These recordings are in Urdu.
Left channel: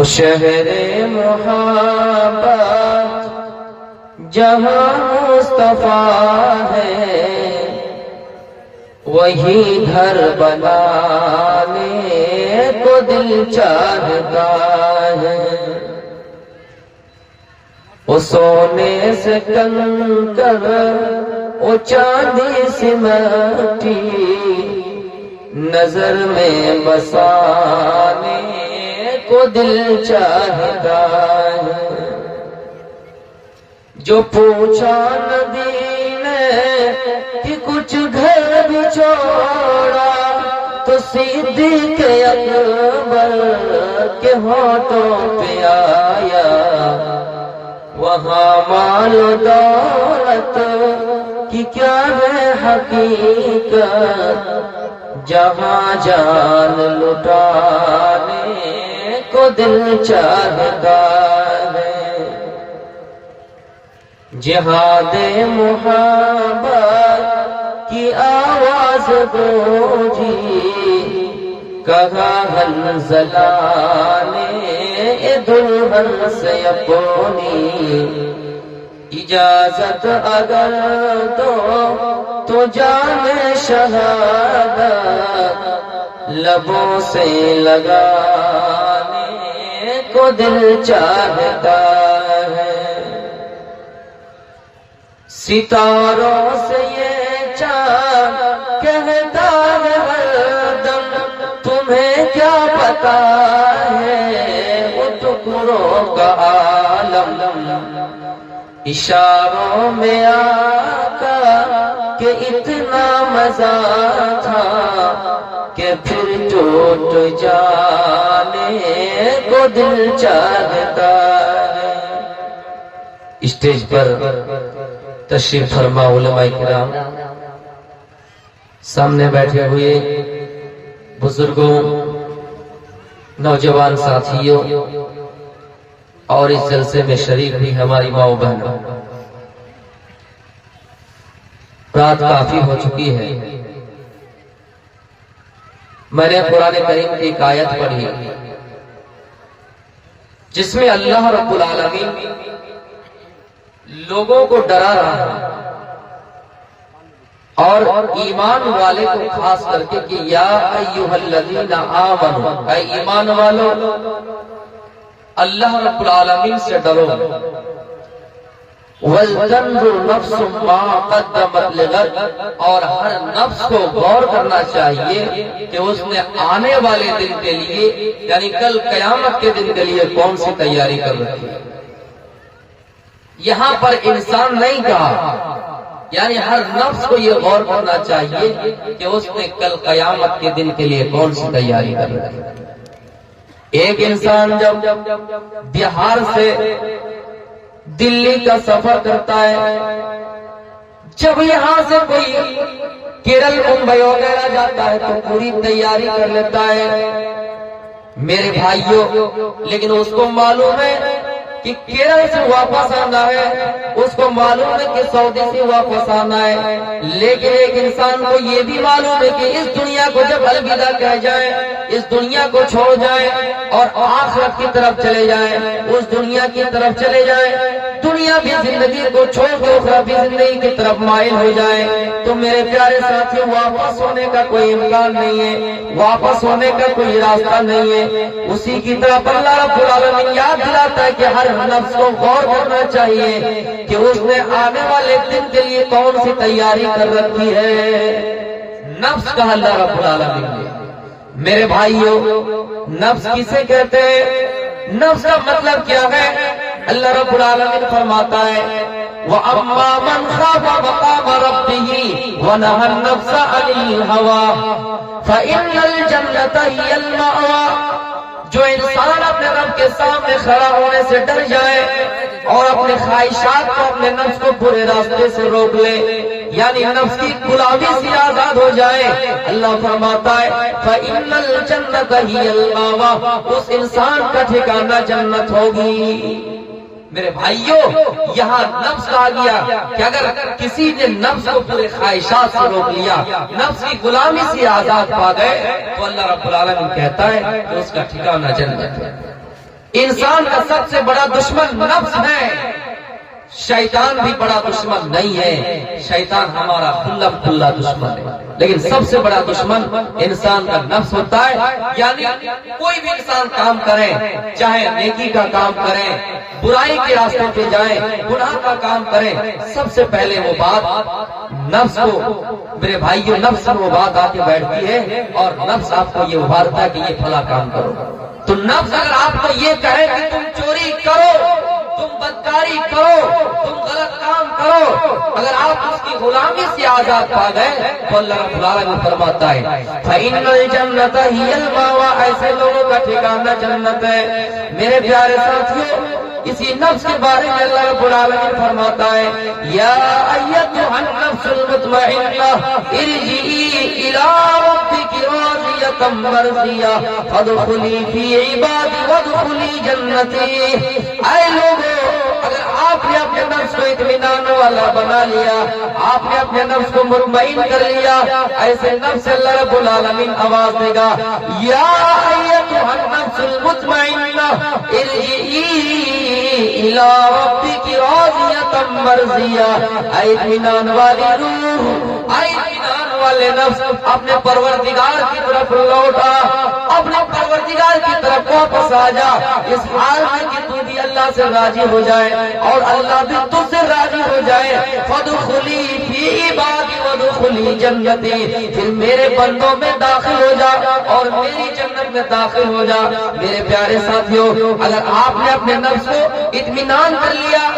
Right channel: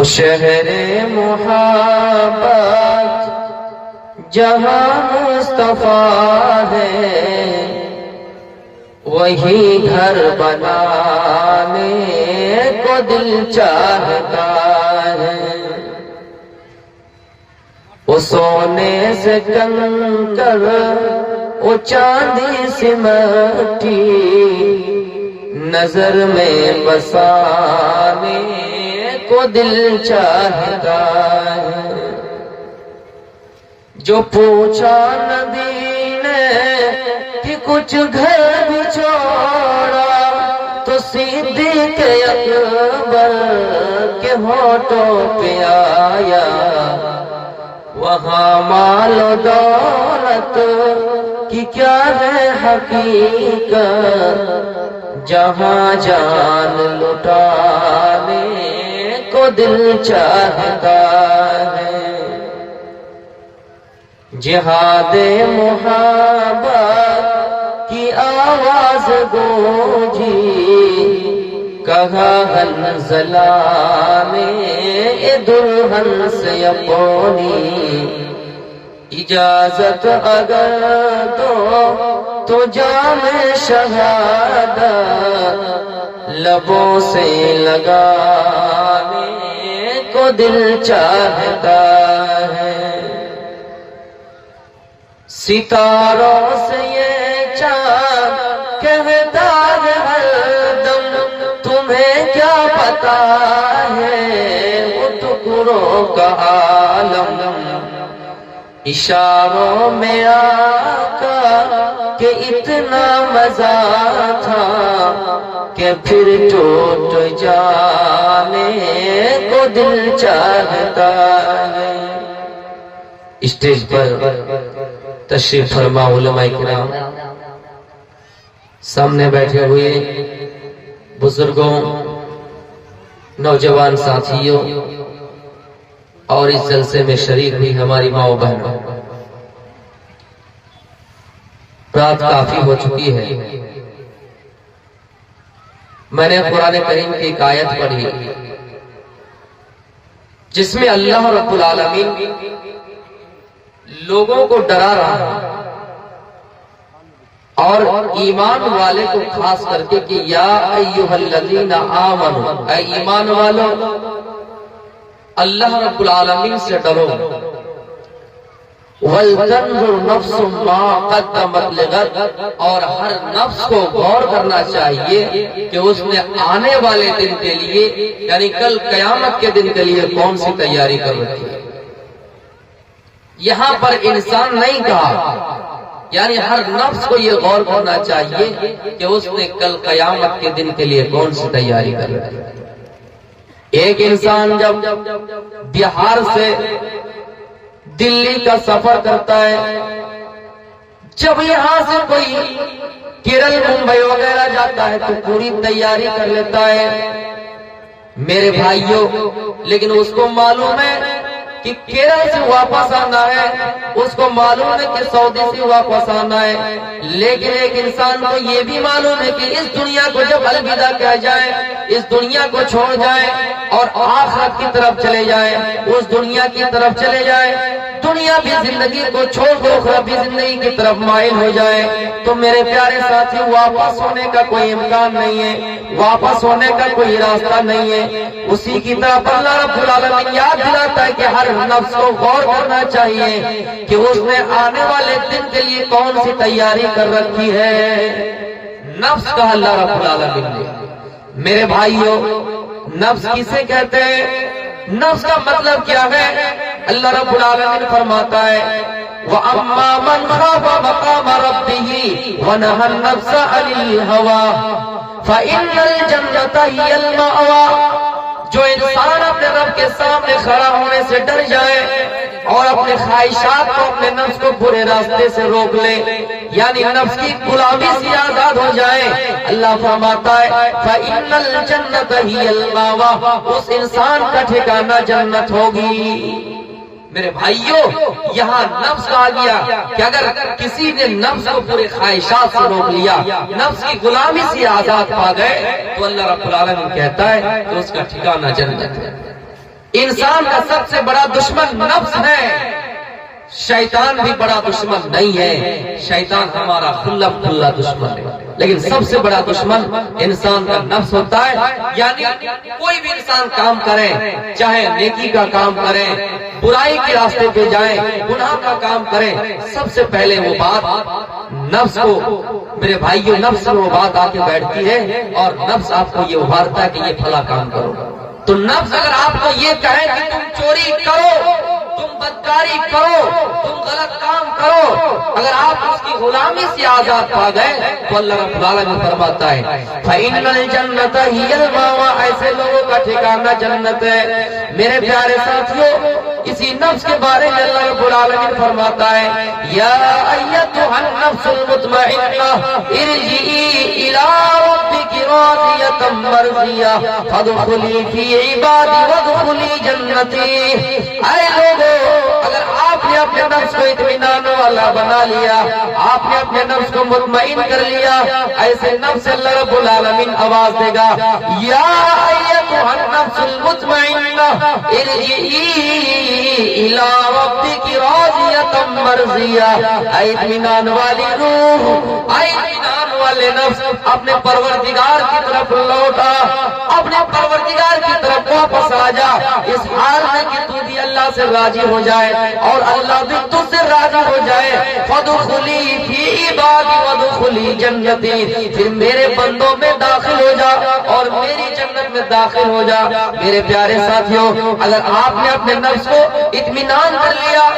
وہ شہر محبت جہاں مصطفیٰ ہے وہی گھر بنانے کو دل چاہتا ہے. وہ سونے سے کنکر وہ چاندی سے مٹی نظر میں بسانے کو دل چاہتا ہے. جو پوچھا نبی نے کہ کچھ گھر بھی چھوڑا تو صدیق اکبر کے ہونٹوں پہ آیا. وہاں مال و دولت کی کیا ہے حقیقت جہاں جان لٹانے کو دل چاہتا ہے. جہاد محبت کی آواز گونجی کہا حنظلہ نے دلہن سے اپنی اجازت اگر تو جام شہادت لبوں سے لگانے کو دل چاہتا ہے. ستاروں سے یہ چاند کہتا ہے ہر دم تمہیں کیا پتا ہے وہ ٹکڑوں کا عالم. اشاروں میں آقا کہ اتنا مزہ تھا کہ پھر ٹوٹ جانے کو دل چاہتا ہے. اسٹیج پر تشریف فرما علماء کرام، سامنے بیٹھے ہوئے بزرگوں، نوجوان ساتھیوں اور اس جلسے میں شریک ہوئی ہماری ماں و بہنوں، رات کافی ہو چکی ہے. میں نے قرآن کریم کی ایک آیت پڑھی جس میں اللہ رب العالمین لوگوں کو ڈرا رہا ہے اور ایمان والے کو خاص کر کے کہ یا ایھا الذین آمنوا، اے ایمان والو اللہ رب العالمین سے ڈرو. وَلْتَنْظُرْ نَفْسٌ مَا قَدَّمَتْ لِغَدٍ، اور ہر نفس کو غور کرنا چاہیے کہ اس نے آنے والے دن کے لیے یعنی کل قیامت کے دن کے لیے کون سی تیاری کر رکھی ہے. یہاں پر انسان نہیں کہا، یعنی ہر نفس کو یہ غور کرنا چاہیے کہ اس نے کل قیامت کے دن کے لیے کون سی تیاری کر رکھی ہے. ایک انسان جب بہار سے دلی کا سفر کرتا ہے، جب یہاں سے کوئی کیرل ممبئی وغیرہ جاتا ہے تو پوری تیاری کر لیتا ہے میرے بھائیوں، لیکن اس کو معلوم ہے کہ کیرل سے واپس آنا ہے، اس کو معلوم ہے کہ سعودی سے واپس آنا ہے، لیکن ایک انسان کو یہ بھی معلوم ہے کہ اس دنیا کو جب الوداع کہہ جائے، اس دنیا کو چھوڑ جائے اور آخرت کی طرف چلے جائے، اس دنیا کی طرف چلے جائے، دنیا بھی زندگی کو چھوڑ دو اخرى بھی زندگی کی طرف مائل ہو جائے، تو میرے پیارے ساتھی واپس ہونے کا کوئی امکان نہیں ہے، واپس ہونے کا کوئی راستہ نہیں ہے. اسی کی طرف اللہ رب العالمین یاد دلاتا ہے کہ ہر نفس کو غور کرنا چاہیے کہ اس نے آنے والے دن کے لیے کون سی تیاری کر رکھی ہے. نفس کا اللہ رب العالمین نے. میرے بھائیوں، نفس کسے کہتے ہیں؟ نفس کا مطلب کیا ہے؟ اللہ رب العالمین فرماتا ہے وَأَمَّا مَنْ خَافَ مَقَامَ رَبِّهِ وَنَهَى النَّفْسَ عَنِ الْهَوَىٰ فَإِنَّ الْجَنَّةَ هِيَ الْمَأْوَىٰ. جو انسان اپنے رب کے سامنے کھڑا ہونے سے ڈر جائے اور اپنے خواہشات کو، اپنے نفس کو برے راستے سے روک لے، یعنی نفس کی غلامی سے آزاد ہو جائے، اللہ فرماتا ہے فَإِنَّ الْجَنَّةَ هِيَ الْمَأْوَىٰ، اس انسان کا ٹھکانہ جنت ہوگی. میرے بھائیوں، یہاں نفس کہا گیا کہ اگر کسی نے نفس کو پورے خواہشات سے روک لیا، نفس کی غلامی سے آزاد پا گئے، تو اللہ رب العالمین کہتا ہے کہ اس کا ٹھکانہ جنت ہے. انسان کا سب سے بڑا دشمن نفس ہے، شیطان بھی بڑا دشمن نہیں ہے، شیطان ہمارا کھلا دشمن ہے، لیکن سب سے بڑا دشمن انسان کا نفس ہوتا ہے۔ یعنی کوئی بھی انسان کام کرے، چاہے نیکی کا کام کرے، برائی کے راستے پہ جائیں، گناہ کا کام کریں، سب سے پہلے وہ بات نفس کو، میرے بھائیوں، نفس میں وہ بات آ کے بیٹھتی ہے اور نفس آپ کو یہ ابھارتا ہے کہ یہ بھلا کام کرو۔ تو نفس اگر آپ کو یہ کہے کہ تم چوری کرو، تم بدکاری کرو، تم غلط کام کرو، اگر آپ اس کی غلامی سے آزاد پا گئے تو اللہ رب العالمین فرماتا ہے فَإِنَّ الْجَنَّةَ هِيَ الْمَأْوَىٰ، ایسے لوگوں کا ٹھکانہ جنت ہے۔ میرے پیارے ساتھیوں، اسی نفس کے بارے میں اللہ رب العالمین فرماتا ہے یا ایتھا النفس المطمئنہ ارجعی الی ربک راضیۃ مرضیہ فادخلی فی عبادی وادخلی جنتی۔ اے لوگوں، اگر آپ نے اپنے نفس کو اطمینان والا بنا لیا، آپ نے اپنے نفس کو مطمئن کر لیا، ایسے نفس سے اللہ رب العالمین آواز دے گا یا ایتھا النفس المطمئنہ ارجعی الی ربک راضیۃ مرضیہ، اے اطمینان والی روح، اے اطمینان والے نفس، اپنے پروردگار کی طرف لوٹا، اپنے پروردگار کی طرف واپس آ جا، اس حال میں کہ تو بھی اللہ سے راضی ہو جائے اور اللہ بھی تجھ سے راضی ہو جائے۔ فادخلی فی عبادی وادخلی جنتی، پھر میرے بندوں میں داخل ہو جا اور میری جنت میں داخل ہو جا۔ میرے پیارے ساتھیوں، اگر آپ نے اپنے نفس کو اطمینان کر لیا،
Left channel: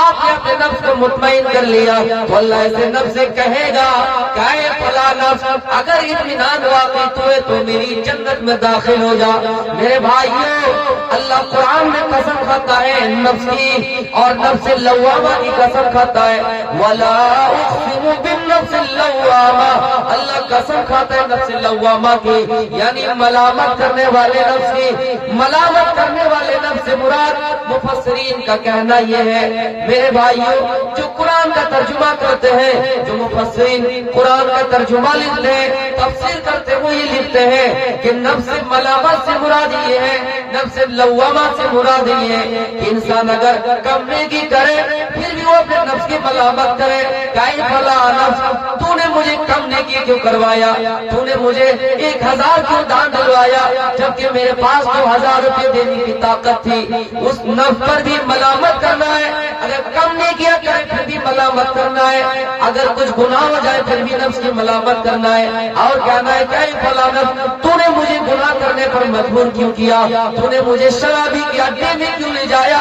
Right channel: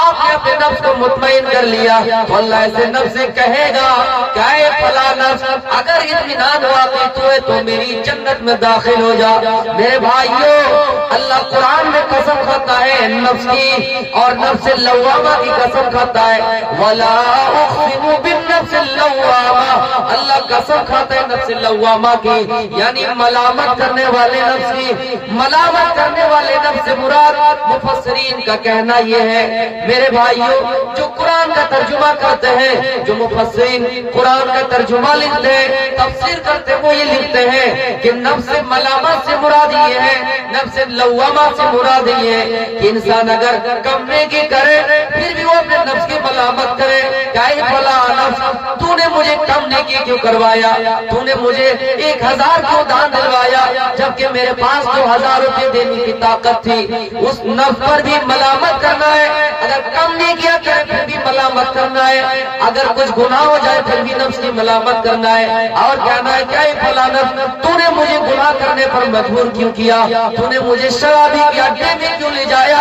آپ نے اپنے نفس کو مطمئن کر لیا، تو اللہ ایسے نفس سے کہے گا کہ اے فلاں نفس، اگر اطمینان واقع تو ہے تو میری جنت میں داخل ہو جا۔ میرے بھائیوں، اللہ قرآن میں قسم کھاتا ہے نفس کی، اور نفس لوامہ کی قسم کھاتا ہے وَلَا أُقْسِمُ بِالنَّفْسِ اللَّوَّامَةِ، اللہ قسم کھاتا ہے نفس لوامہ کی، یعنی ملامت کرنے والے نفس کی۔ ملامت کرنے والے نفس سے مراد مفسرین کا کہنا یہ ہے، میرے بھائیوں، جو قرآن کا ترجمہ کرتے ہیں، جو مفسرین قرآن کا ترجمہ لکھتے ہیں، تفسیر کرتے ہیں، وہ یہ لکھتے ہیں کہ نفس ملامت سے مراد یہ ہے، نفس لوامہ سے مراد یہ ہے کہ انسان اگر کم نیکی کرے پھر بھی وہ اپنے نفس کی ملامت کرے کہ اے فلاں نفس، تو نے مجھے کم نیکی کیوں کروایا، تو نے مجھے 1000 کیوں دان دلوایا جبکہ میرے پاس 2000 روپے دینے کی طاقت تھی۔ اس نفس پر بھی ملامت کرنا ہے، اگر کم نہیں کیا کرے پھر بھی ملامت کرنا ہے، اگر کچھ گناہ ہو جائے پھر بھی نفس کی ملامت کرنا ہے اور کہنا ہے کہ اے فلاں نفس، تو نے مجھے گناہ کرنے پر مجبور کیوں کیا، تو نے مجھے شرابی کے اڈے میں کیوں لے جایا،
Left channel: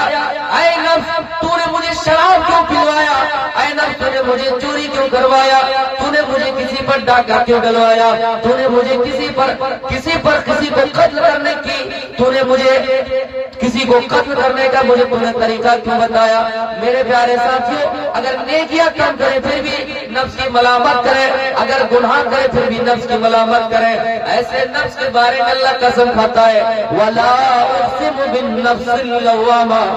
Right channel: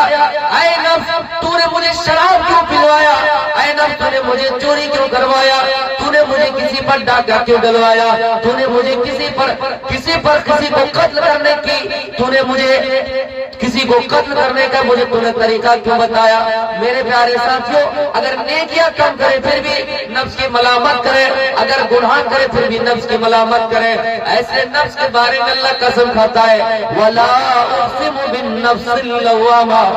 اے نفس تو نے مجھے شراب کیوں پلوایا، اے نفس تو نے مجھے چوری کیوں کروایا، تو نے مجھے کسی پر ڈاکہ کیوں ڈلوایا، تو نے مجھے کسی کو قتل کرنے کی، تو نے مجھے کسی کو قتل کرنے کا مجھے پورا طریقہ کیوں بتایا۔ میرے پیارے ساتھیوں، اگر نیکیاں کم کرے پھر بھی نفس کی ملامت کرے، اگر گناہ کرے پھر بھی نفس کی ملامت کرے، ایسے نفس کے بارے میں اللہ قسم کھاتا ہے وَلَا أُقْسِمُ بِالنَّفْسِ اللَّوَّامَةِ،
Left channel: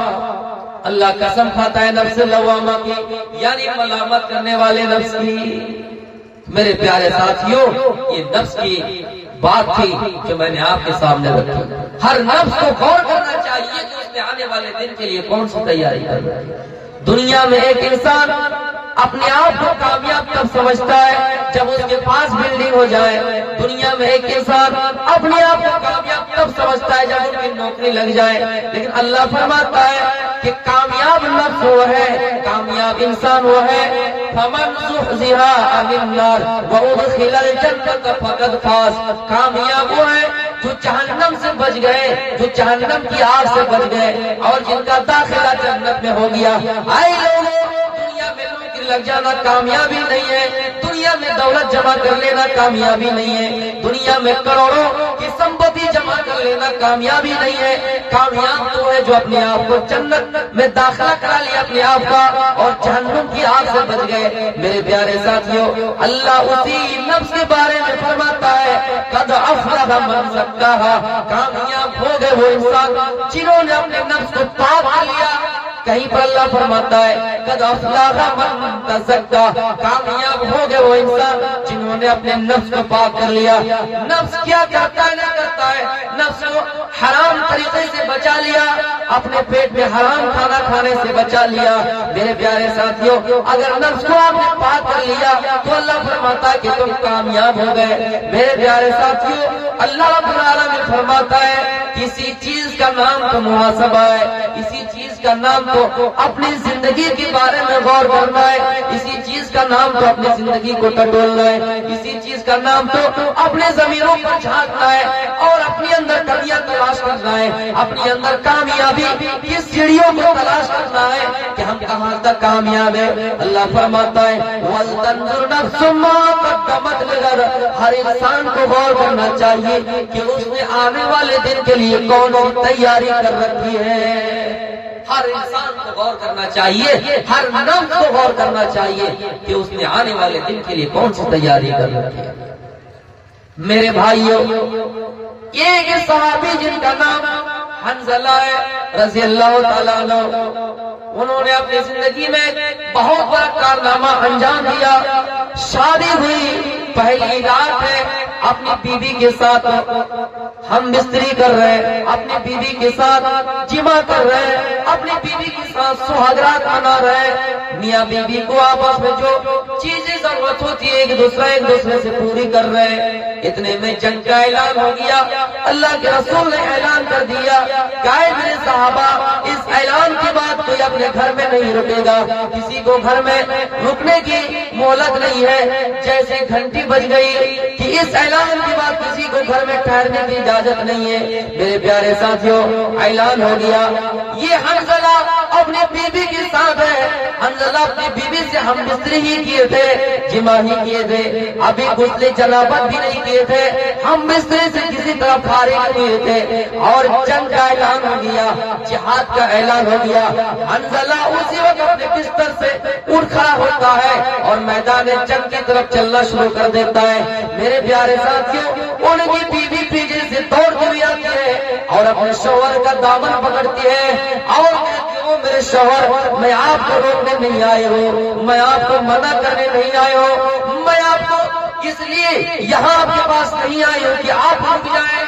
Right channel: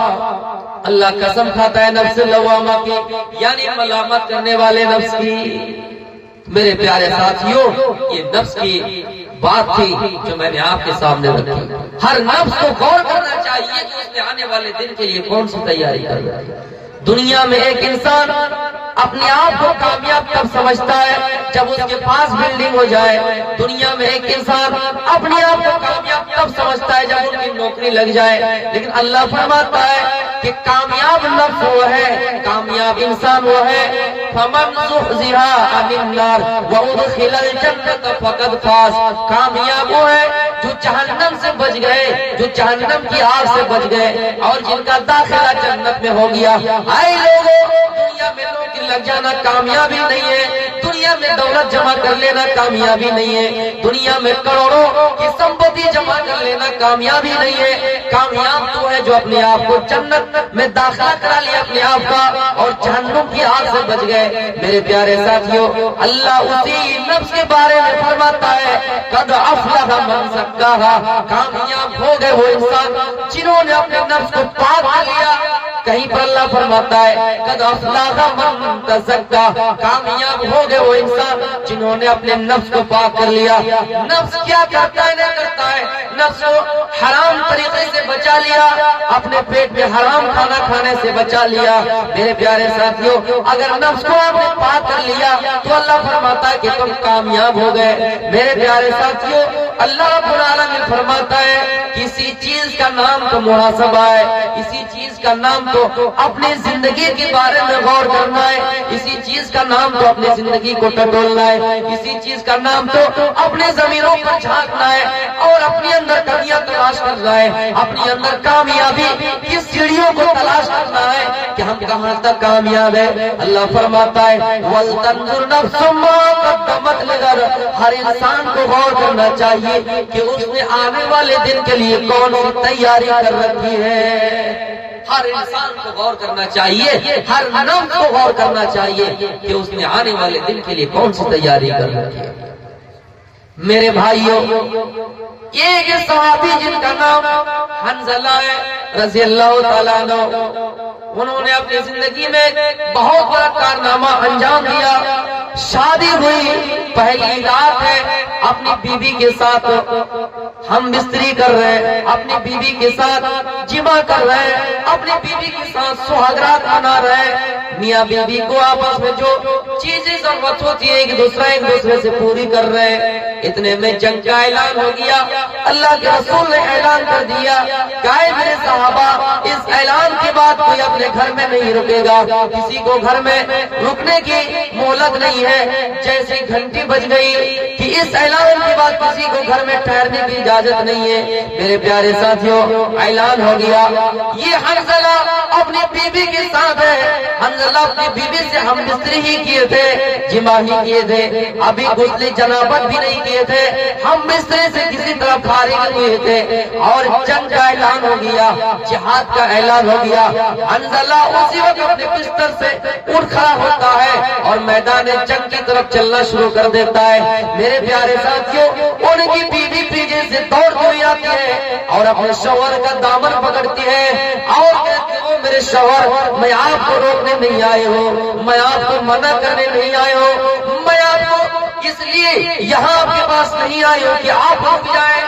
اللہ قسم کھاتا ہے نفس لوامہ کی، یعنی ملامت کرنے والے نفس کی۔ میرے پیارے ساتھیوں، یہ نفس کی بات تھی جو میں نے آپ کے سامنے رکھی۔ ہر نفس کو غور کرنا چاہیے کہ اس نے آنے والے دن کے لیے کون سی تیاری کر رہا ہے۔ دنیا میں ایک انسان اپنے آپ کو کامیاب تب سمجھتا ہے جب اس کے پاس بلڈنگ ہو جائے، دنیا میں ایک انسان اپنے آپ کو کامیاب تب سمجھتا ہے جب اس کی نوکری لگ جائے، لیکن اللہ فرماتا ہے کہ کامیاب نفس وہ ہے، کامیاب انسان وہ ہے فَمَنْ زُحْزِحَ عَنِ النَّارِ وَأُدْخِلَ الْجَنَّةَ فَقَدْ فَازَ، کامیاب وہ ہے جو جہنم سے بچ گئے، جو جہنم کی آگ سے بچ گئے اور جن کا داخلہ جنت میں ہو گیا۔ اے لوگوں، دنیا میں نوکری لگ جانا کامیابی نہیں ہے، دنیا میں دولت جمع کر لینا کامیابی نہیں ہے، دنیا میں کروڑوں کی سمپتی جمع کر لینا کامیابی نہیں ہے۔ کامیاب تو ہے جو اپنے آپ کو جنت میں داخلہ کرا لیا اپنے آپ کا اور جہنم کی آگ سے بچ گئے۔ میرے پیارے ساتھیوں، اللہ اسی نفس کے بارے میں فرماتا ہے قد افلح من زکاہا، کامیاب ہو گئے وہ انسان جنہوں نے اپنے نفس کو پاک کر لیا۔ کہیں پر اللہ فرماتا ہے قد افلح من تزکا، کامیاب ہو گئے وہ انسان جنہوں نے اپنے نفس کو پاک کر لیا۔ نفس کیا کرتا ہے نہیں کرتا ہے، نفس کو حرام طریقے سے بچا لیا، اپنے پیٹ میں حرام کھانا کھانے سے بچا لیا۔ میرے پیارے ساتھیوں، اگر نفس کو آپ نے پاک کر لیا تو اللہ فرماتا ہے کہ تم کامیاب ہو گئے۔ میرے پیارے ساتھیوں، اللہ رب العالمین فرماتا ہے کسی چیز کا نام تو محاسبہ ہے، کسی چیز کا نام تو اپنی زندگی کے بارے میں غور کرنا ہے، اسی چیز کا نام تو اپنی زندگی کو ٹٹولنا ہے، اسی چیز کا نام تو اپنے ضمیروں پر جھانکنا ہے اور اپنے اندر کمیاں تلاش کرنا ہے، اپنے اندر کامیابی کی سیڑھیوں کو تلاش کرنا ہے کہ ہم کہاں تک کامیاب ہے۔ اللہ فرماتا ہے وَلْتَنْظُرْ نَفْسٌ مَّا قَدَّمَتْ لِغَدٍ، ہر انسان کو غور کرنا چاہیے کہ اس نے آنے والے دن کے لیے کون سی تیاری کر رکھی ہے۔ ہر انسان کو غور کرنا چاہیے، ہر نفس کو غور کرنا چاہیے کہ اس نے آنے والے دن کے لیے کون سی تیاری کر رکھی ہے۔ میرے بھائیوں، ایک صحابی جن کا نام حنظلہ ہے رضی اللہ تعالیٰ عنہ، انہوں نے اپنی زندگی میں بہت بڑا کارنامہ انجام دیا۔ شادی ہوئی، پہلی رات ہے، اپنی بیوی کے ساتھ ہم بستری کر رہے ہیں، اپنی بیوی کے ساتھ جمع کر رہے ہیں، اپنی بیوی کے ساتھ سہاگرات منا رہے ہیں۔ میاں بیوی کو آپس میں جو چیزیں ضرورت ہوتی ہے ایک دوسرے سے پوری کر رہے ہیں۔ اتنے میں جنگ کا اعلان ہو گیا۔ اللہ کے رسول نے اعلان کر دیا کہ اے میرے صحابہ، اس اعلان کے بعد کوئی اپنے گھر میں نہیں رکے گا، کسی کو گھر میں رکنے کی مہلت نہیں ہے۔ جیسے گھنٹی بج گئی کہ اس اعلان کے بعد کسی کو گھر میں ٹھہرنے کی اجازت نہیں ہے۔ میرے پیارے ساتھیوں، اعلان ہو گیا۔ یہ حنظلہ اپنی بیوی کے ساتھ ہے۔ حنظلہ اپنی بیوی سے ہم بستری ہی کیے تھے، جمع ہی کیے تھے، ابھی غسل جنابت بھی نہیں کیے تھے، ہم بستری سے کسی طرح فارغ ہوئے تھے اور جنگ کا اعلان ہو گیا، جہاد کا اعلان ہو گیا۔ حنظلہ اسی وقت اپنے بستر سے اٹھ کھڑا ہوتا ہے اور میدان جنگ کی طرف چلنا شروع کر دیتا ہے۔ میرے پیارے ساتھیوں، ان کی بیوی پیچھے سے دوڑتی ہوئی آتی ہے اور اپنے شوہر کا دامن پکڑتی ہے اور کہتی ہے وہ میرے شوہر، میں آپ کو روکنے نہیں آئے ہوں، میں آپ کو منع کرنے نہیں آئے ہوں، میں آپ کو اس لیے یہاں آپ کے پاس نہیں آئی ہوں کہ آپ رک جائیں،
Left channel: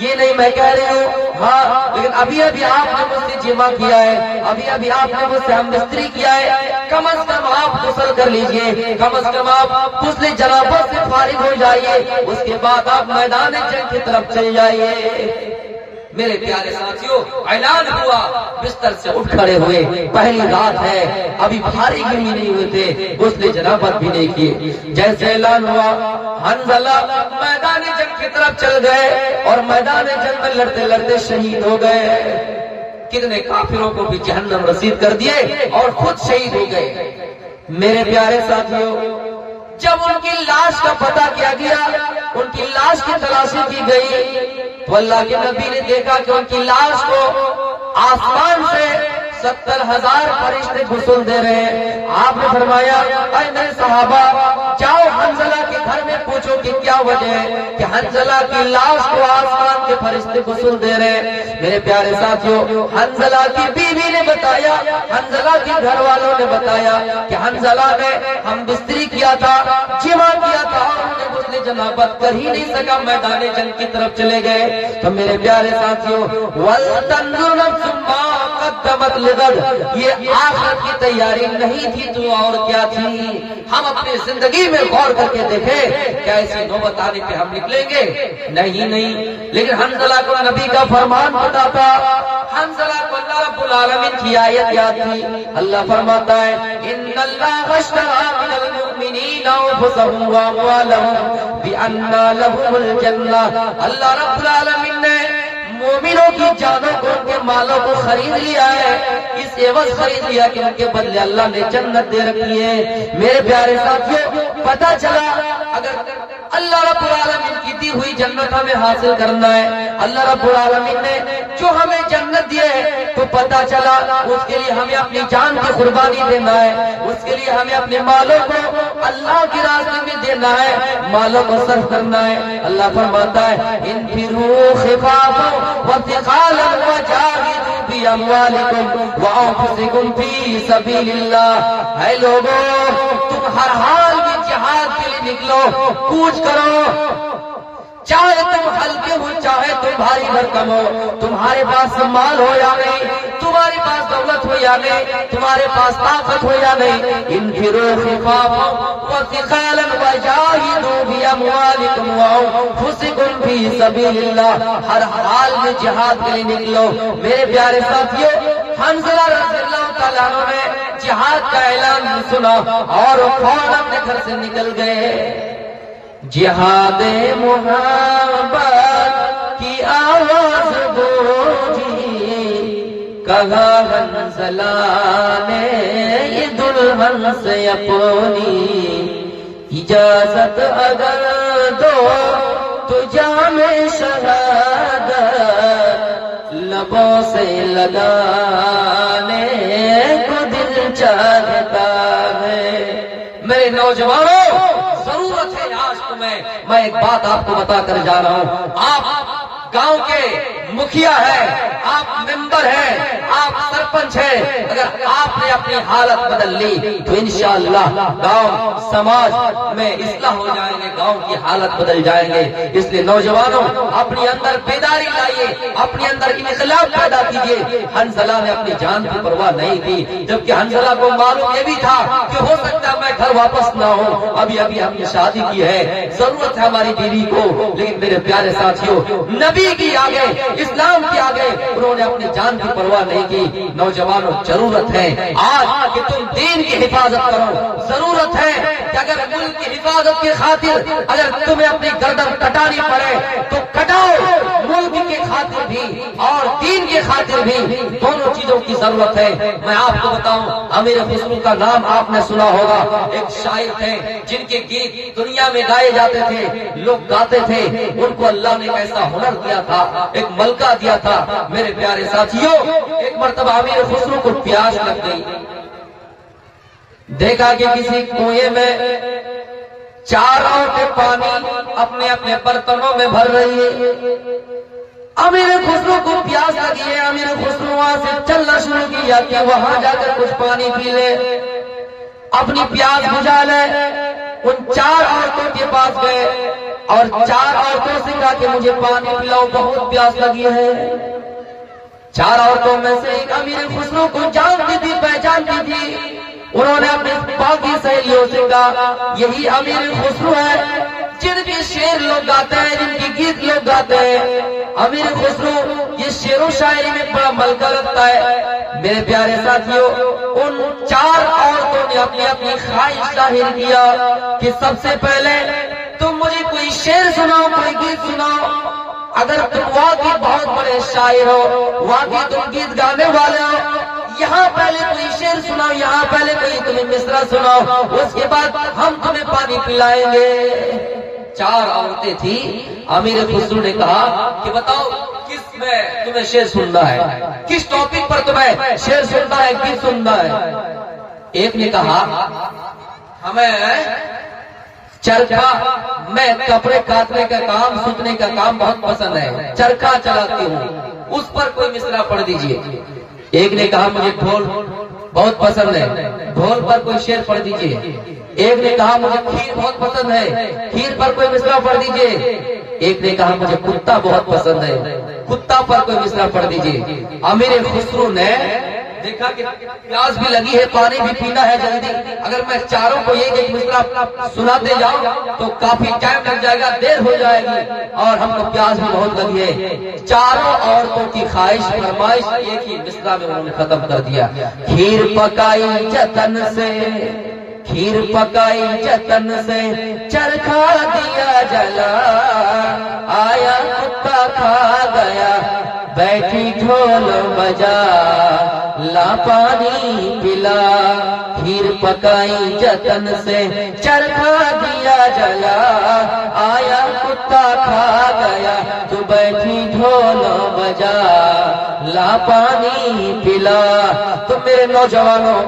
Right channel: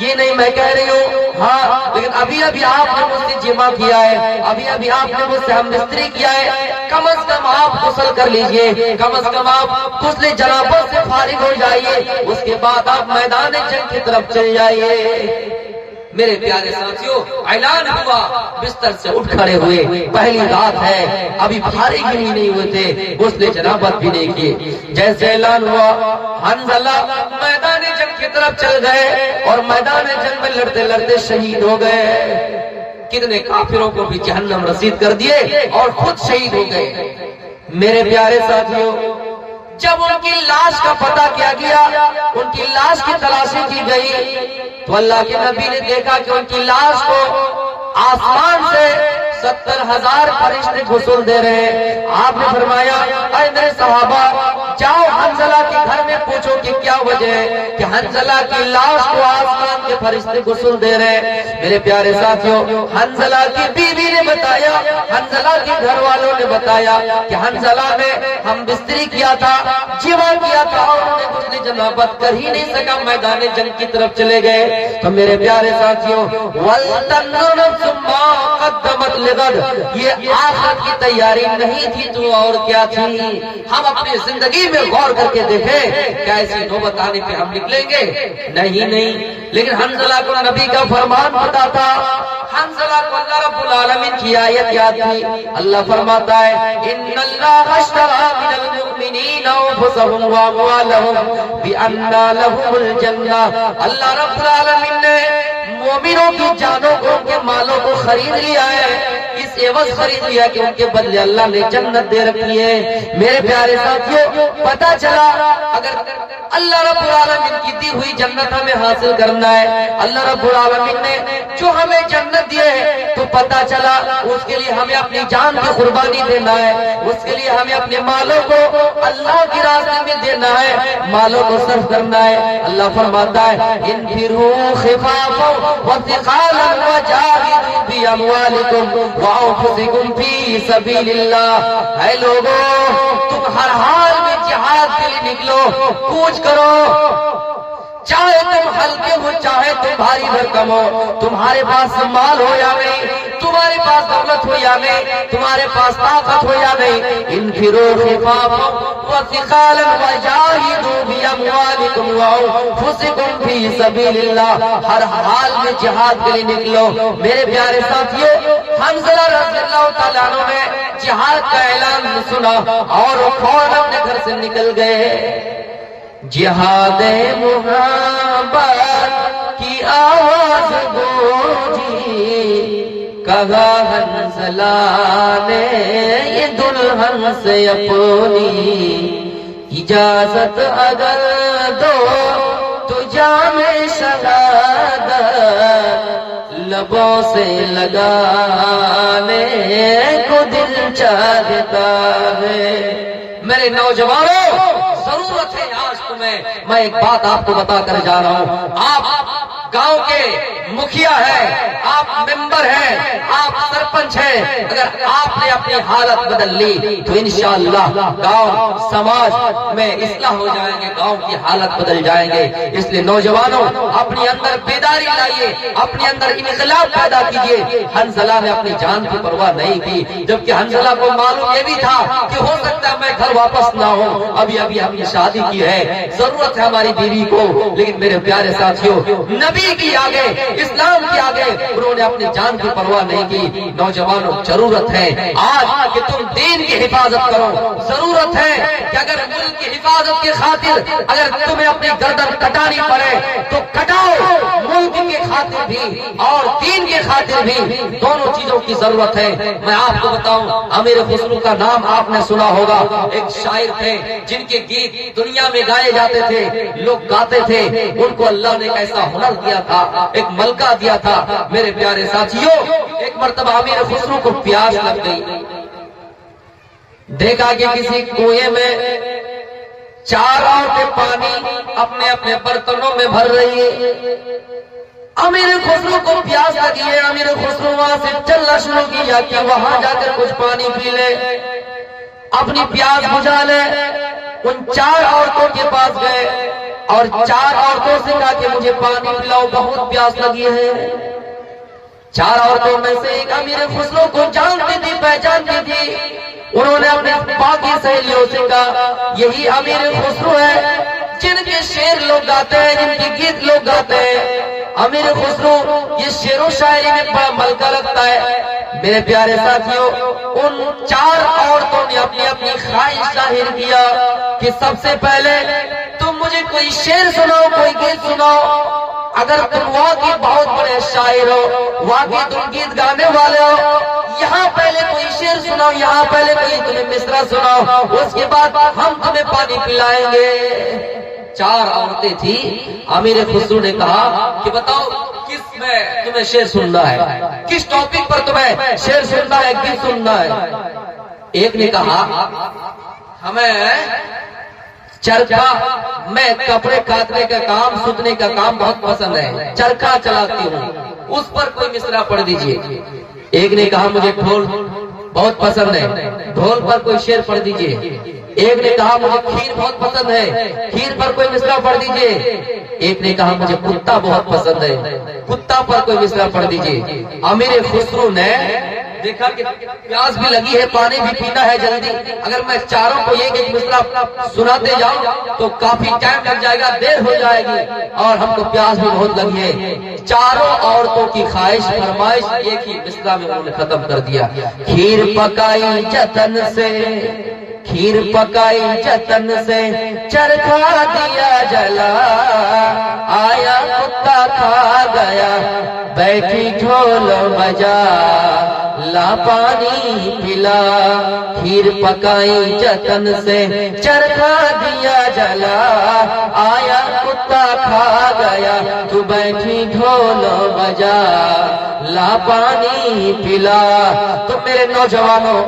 یہ نہیں میں کہہ رہی ہوں، ہاں لیکن ابھی آپ نے مجھ سے جمع کیا ہے، ابھی آپ نے مجھ سے ہم بستری کیا ہے، کم از کم آپ غسل کر لیجئے، کم از کم آپ غسل جنابت سے فارغ ہو جائیے، اس کے بعد آپ میدان جنگ کی طرف چل جائیے۔ میرے پیارے ساتھیوں، اعلان ہوا، بستر سے اٹھ کھڑے ہوئے، پہلی رات ہے، ابھی فارغ بھی نہیں ہوئے تھے، غسل جنابت بھی نہیں کیے۔ جیسے اعلان ہوا، حنظلہ میدان جنگ کی طرف چل گئے اور میدان جنگ میں لڑتے لڑتے شہید ہو گئے۔ کتنے کافروں کو بھی جہنم رسید کر دیے اور خود شہید ہو گئے۔ میرے پیارے ساتھیوں، جب ان کی لاش کا پتہ کیا گیا، ان کی لاش کی تلاشی کی گئی تو اللہ کے نبی نے دیکھا کہ ان کی لاش کو آسمان سے 70,000 فرشتے غسل دے رہے ہیں۔ آپ نے فرمایا اے میرے صحابہ، جاؤ حنظلہ کے گھر میں پوچھو کہ کیا وجہ ہے کہ حنظلہ کی لاش کو آسمان کے فرشتے غسل دے رہے ہیں۔ میرے پیارے ساتھیوں، حنظلہ کی بیوی نے بتایا، حنظلہ کے گھر والوں نے بتایا کہ حنظلہ نے ہم بستری کیا تھا، جمع کیا تھا اور انہوں نے غسل جنابت کر ہی نہیں سکا، میدان جنگ کی طرف چلے گئے۔ تو میرے پیارے ساتھیوں، وَلْتَنْظُرْ نَفْسٌ مَّا قَدَّمَتْ لِغَدٍ، یہ آخرت کی تیاری نہیں تھی تو اور کیا تھی؟ ہم اپنی زندگی میں غور کر کے دیکھیں، کیا ایسی نوبت آنے پہ ہم نکلیں گے؟ نہیں، لیکن حنظلہ کو نبی کا فرمان پتا تھا۔ حنظلہ کو اللہ رب العالمین کی آیت یاد تھی۔ اللہ فرماتا ہے ان اللہ اشترى من المؤمنین انفسهم واموالهم بان لهم الجنہ، اللہ رب العالمین نے مومنوں کی جانوں کو، ان کے مالوں کو خرید لیا ہے، اس عوض خرید لیا کہ ان کے بدلے اللہ نے جنت دے رکھی ہے۔ میرے پیارے ساتھیوں، پتہ چلا اگر اللہ رب العالمین کی دی ہوئی جنت ہمیں حاصل کرنا ہے، اللہ رب العالمین نے جو ہمیں جنت دی ہے، تو پتہ چلا اس کے لیے ہمیں اپنی جان کی قربانی دینا ہے، اس کے لیے ہمیں اپنے مالوں کو اللہ کی راستے میں دینا ہے، مالوں کو صرف کرنا ہے۔ اللہ فرماتا ہے انفروا خفافا وثقالا وجاہدوا بِأَمْوَالِكُمْ وَأَنفُسِكُمْ فِي سَبِيلِ اللَّهِ۔ اے لوگو، تم ہر حال میں جہاد کے لیے نکلو، کوچ کرو، چاہے تم ہلکے ہو چاہے تم بھاری بھرکم ہو، تمہارے پاس مال ہو یا نہیں، تمہارے پاس دولت ہو یا نہیں، تمہارے پاس طاقت ہو یا نہیں، انفروا خفافا وثقالا وجاہدوا باموالکم وانفسکم فی سبیل اللہ۔ ہر حال میں جہاد کے لیے نکلو۔ میرے پیارے ساتھیو، حنظلہ رضی اللہ تعالیٰ عنہ نے جہاد کا اعلان سنا اور فوراً اپنے گھر سے نکل گئے۔ جہاد محبت کی آواز گونجی، کہا حنظلہ نے یہ دلہن سے اپنی، اجازت اگر دو تو جام شہادت لبوں سے لگانے کو دل چاہتا ہے۔ میرے نوجوانوں، ضرورت ہے آج تمہیں، میں ایک بات آپ کو بتا کر جا رہا ہوں۔ آپ گاؤں کے مکھیا ہے، آپ ممبر ہیں، آپ سرپنچ ہیں، اگر آپ نے اپنی حالت بدل لی تو انشاءاللہ گاؤں سماج میں اصلاح ہو جائیں گے، گاؤں کی حالت بدل جائیں گے۔ اس لیے نوجوانوں، اپنے اندر بیداری لائیے، اپنے اندر انقلاب پیدا کیجیے۔ حنظلہ نے اپنی جان کی پرواہ نہیں کی، جبکہ حنظلہ کو معلوم یہ بھی تھا کہ ہو سکتا ہے میں گھر واپس نہ ہوں، ابھی ہم نے شادی کی ہے، ضرورت ہے ہماری بیوی کو، لیکن میرے پیارے ساتھیوں، نبی کی آگے، اسلام کی آگے انہوں نے اپنی جان کی پرواہ نہیں کی۔ نوجوانوں، ضرورت ہے آج کہ تم دین کی حفاظت کرو، ضرورت ہے کہ اگر ملک کی حفاظت کی خاطر اگر تمہیں اپنی گردن کٹانی پڑے تو کٹاؤ، ملک کی خاطر بھی اور دین کی خاطر بھی، دونوں چیزوں کی ضرورت ہے۔ میں آپ کو بتاؤں، امیر خسرو کا نام آپ نے سنا ہوگا، ایک شاعر تھے جن کے گیت دنیا میں گائے جاتے تھے، لوگ گاتے تھے، ان کو اللہ نے ایسا ہنر دیا تھا، ایک ملکہ دیا تھا۔ میرے پیارے ساتھیوں، ایک مرتبہ امیر خسرو کو پیاس لگ گئی، دیکھا کہ کسی کنویں میں 4 عورتیں پانی اپنے اپنے برتنوں میں بھر رہی ہیں۔ امیر خسرو کو پیاس لگی ہے، امیر خسرو وہاں سے چلنا شروع کیا کہ وہاں جا کر کچھ پانی پی لے، اپنی پیاس بجھا لے۔ ان 4 عورتوں کے پاس گئے اور 4 عورتوں سے کہا کہ مجھے پانی پلاؤ، بہت پیاس لگی ہے۔ 4 عورتوں میں سے ایک امیر خسرو کو جانتی تھی، پہچانتی تھی۔ انہوں نے اپنے باقی سہیلیوں سے کہا یہی امیر خسرو ہے جن کے شعر لوگ گاتے ہیں، جن کے گیت لوگ گاتے ہیں۔ امیر خسرو یہ شعر و شاعری میں بڑا ملکہ لگتا ہے۔ میرے پیارے ساتھیوں، ان 4 عورتوں نے اپنی اپنی خواہش ظاہر کیا کہ سب سے پہلے تم مجھے کوئی شعر سناؤ، کوئی گیت سناؤ۔ اگر تم واقعی بہت بڑے شاعر ہو، واقعی تم گیت گانے والے ہو، یہاں پہلے کوئی شعر سناؤ، یہاں پہلے کوئی تمہیں مصرع سناؤ، اس کے بعد ہم تمہیں پانی پلائیں گے۔ 4 عورتیں تھیں۔ امیر خسرو نے کہا کہ بتاؤ کس میں تمہیں شعر سننا ہے، کس ٹاپک پر تمہیں شعر سننا ہے، گیت سننا ہے۔ ایک نے کہا ہمیں چرخا، میں کپڑے کاٹنے کا کام، سوتنے کا کام بہت پسند ہے، چرخا چلاتی ہوں، اس پر کوئی مصرع پڑھ دیجئے۔ ایک نے کہا مجھے ڈھول بہت پسند ہے، ڈھول پر کوئی شعر پڑھ دیجئے۔ ایک نے کہا مجھے کھیر بہت پسند ہے، کھیر پر کوئی مصرع پڑھ دیجئے۔ ایک نے کہا مجھے کتا بہت پسند ہے، کتا پر کوئی مصرع پڑھ دیجئے۔ امیر خسرو نے دیکھا کہ پیاس بھی لگی ہے، پانی بھی پینا ہے جلدی، اگر میں 4 کو ایک ایک مصرع سناتے جاؤں تو کافی ٹائم لگ جائے گا، دیر ہو جائے گی، اور ہم کو پیاس بھی بہت لگی ہے۔ 4 عورتوں کی خواہش فرمائش ایک ہی مصرع میں انہوں نے ختم کر دیا۔ کھیر پکائی جتن سے، کھیر پکائی جتن سے، چرخا دیا جلا، آیا کتا کھا گیا، بیٹھی ڈھول بجا، لا پانی پلا۔ کھیر پکائی جتن سے، چرخا دیا جلا، آیا کتا کھا گیا، تو بیٹھی ڈھول بجا لا پانی پلا. تو میرے نوجوانوں